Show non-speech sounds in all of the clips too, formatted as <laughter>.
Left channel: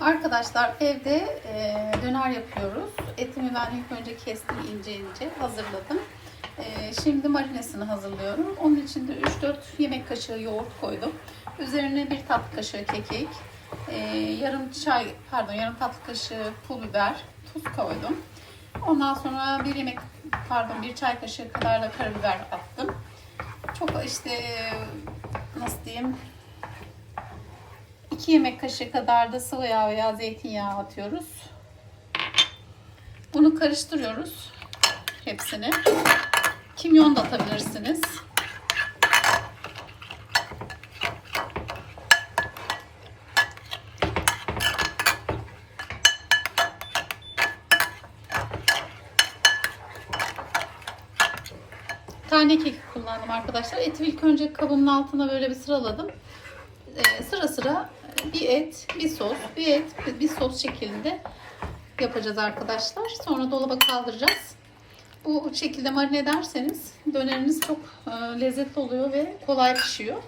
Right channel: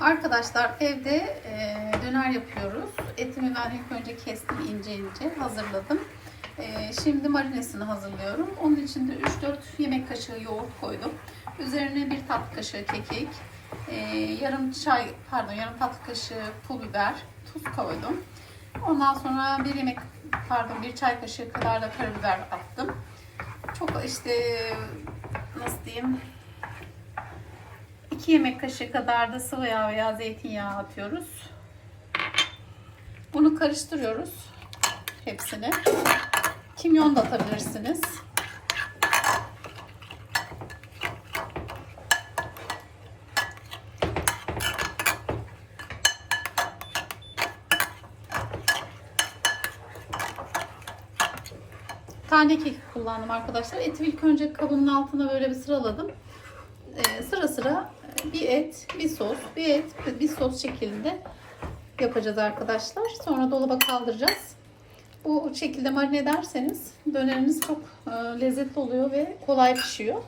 Arkadaşlar evde e, döner yapıyoruz. Etimi ben ilk önce kestim ince ince hazırladım. E, şimdi marinesini hazırlıyorum. Onun için de 3-4 yemek kaşığı yoğurt koydum. Üzerine bir tatlı kaşığı kekik, e, yarım çay pardon yarım tatlı kaşığı pul biber, tuz koydum. Ondan sonra bir yemek pardon bir çay kaşığı kadar da karabiber attım. Çok işte nasıl diyeyim 2 yemek kaşığı kadar da sıvı yağ veya zeytinyağı atıyoruz. Bunu karıştırıyoruz hepsini. Kimyon da atabilirsiniz. Tane kekik kullandım arkadaşlar. Eti ilk önce kabımın altına böyle bir sıraladım. Ee, sıra sıra bir et, bir sos, bir et, bir sos şeklinde yapacağız arkadaşlar. Sonra dolaba kaldıracağız. Bu şekilde marine ederseniz döneriniz çok e, lezzetli oluyor ve kolay pişiyor.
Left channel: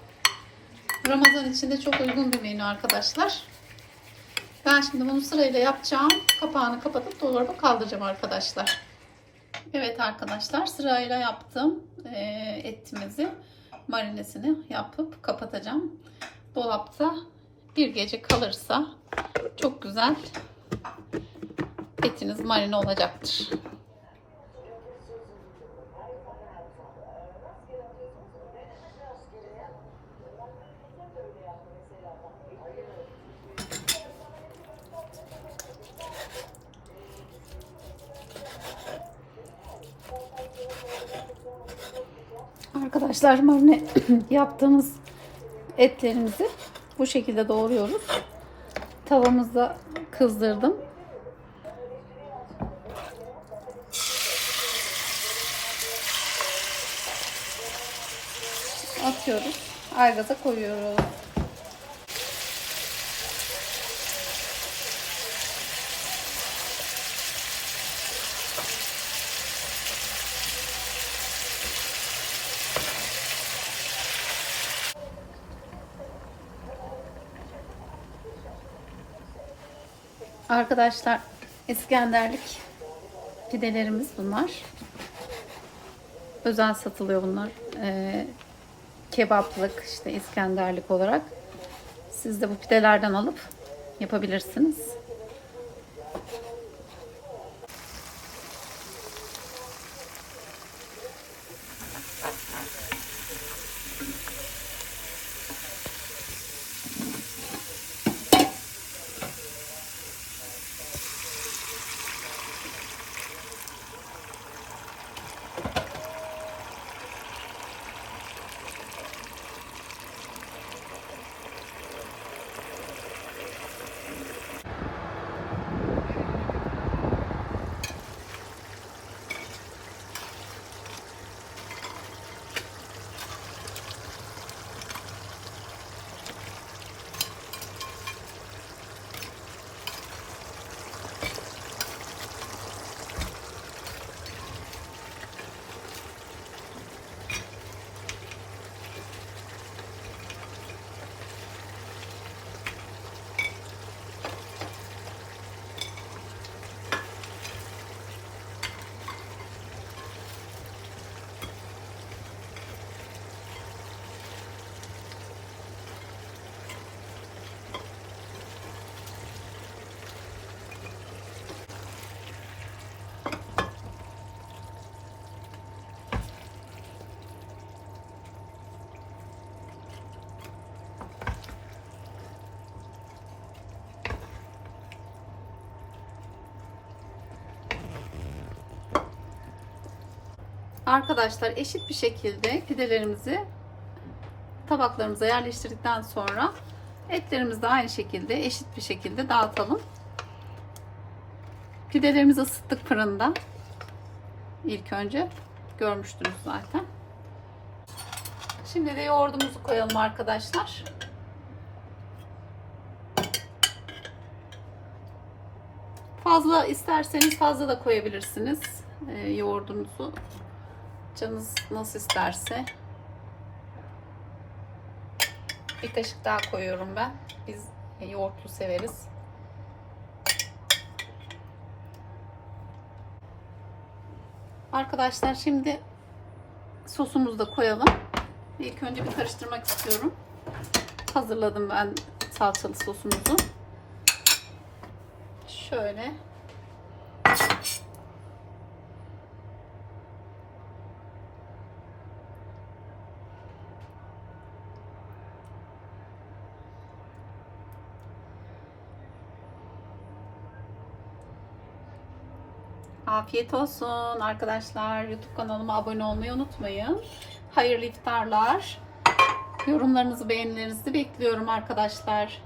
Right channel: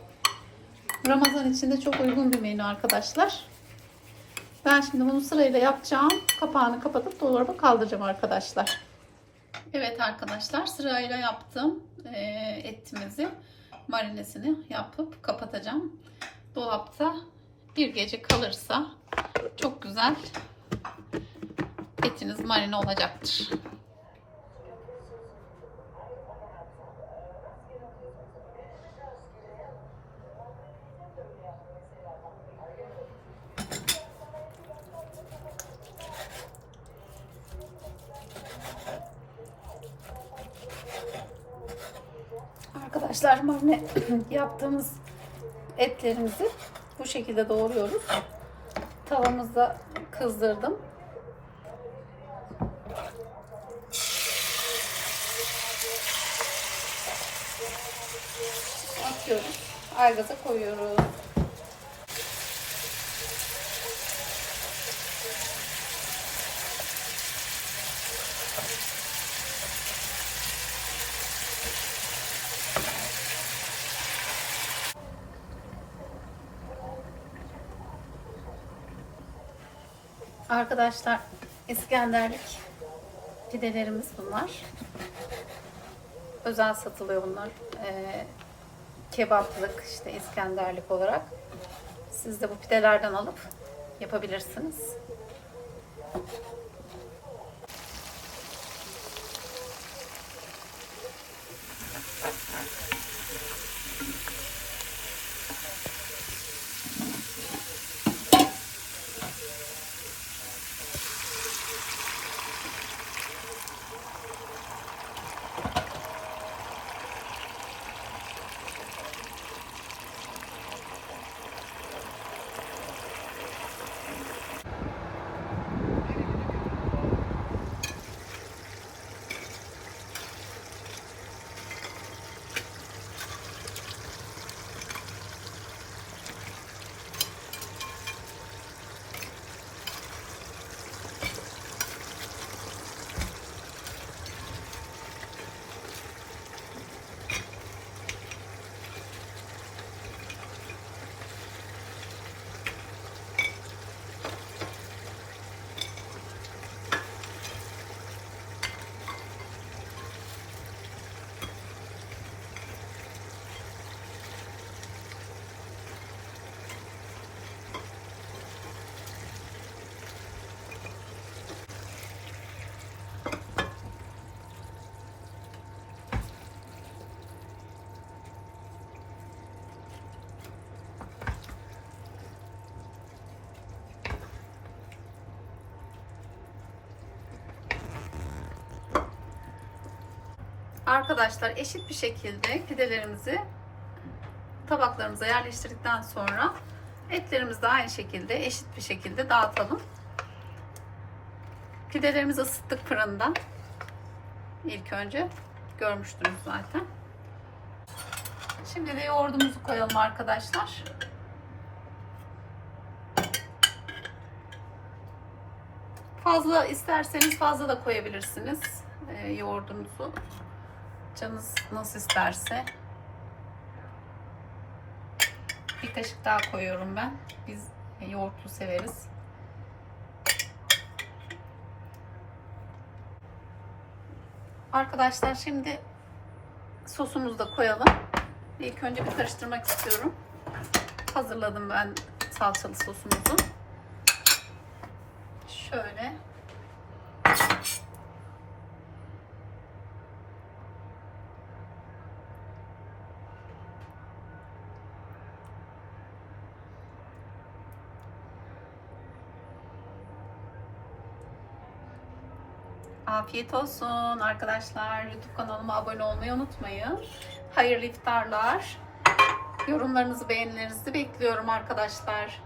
Ramazan için de çok uygun bir menü arkadaşlar. Ben şimdi bunu sırayla yapacağım. Kapağını kapatıp dolaba kaldıracağım arkadaşlar. Evet arkadaşlar sırayla yaptım e, etimizi marinesini yapıp kapatacağım. Dolapta bir gece kalırsa çok güzel etiniz marine olacaktır. Arkadaşlar marine <clears throat> yaptığımız etlerimizi bu şekilde doğruyoruz. Tavamızda kızdırdım. Atıyoruz. Aygaza koyuyoruz. Arkadaşlar İskenderlik pidelerimiz bunlar. Özel satılıyor bunlar. Ee, kebaplık işte İskenderlik olarak. Siz de bu pidelerden alıp yapabilirsiniz. Arkadaşlar eşit bir şekilde pidelerimizi tabaklarımıza yerleştirdikten sonra etlerimizi de aynı şekilde eşit bir şekilde dağıtalım. Pidelerimizi ısıttık fırında. İlk önce görmüştünüz zaten. Şimdi de yoğurdumuzu koyalım arkadaşlar. Fazla isterseniz fazla da koyabilirsiniz e, yoğurdunuzu. Canınız nasıl isterse. Bir kaşık daha koyuyorum ben. Biz yoğurtlu severiz. Arkadaşlar şimdi sosumuzu da koyalım. İlk önce bir karıştırmak istiyorum. Hazırladım ben salçalı sosumuzu. Şöyle Afiyet olsun arkadaşlar. YouTube kanalıma abone olmayı unutmayın. Hayırlı iftarlar. Yorumlarınızı, beğenilerinizi bekliyorum arkadaşlar.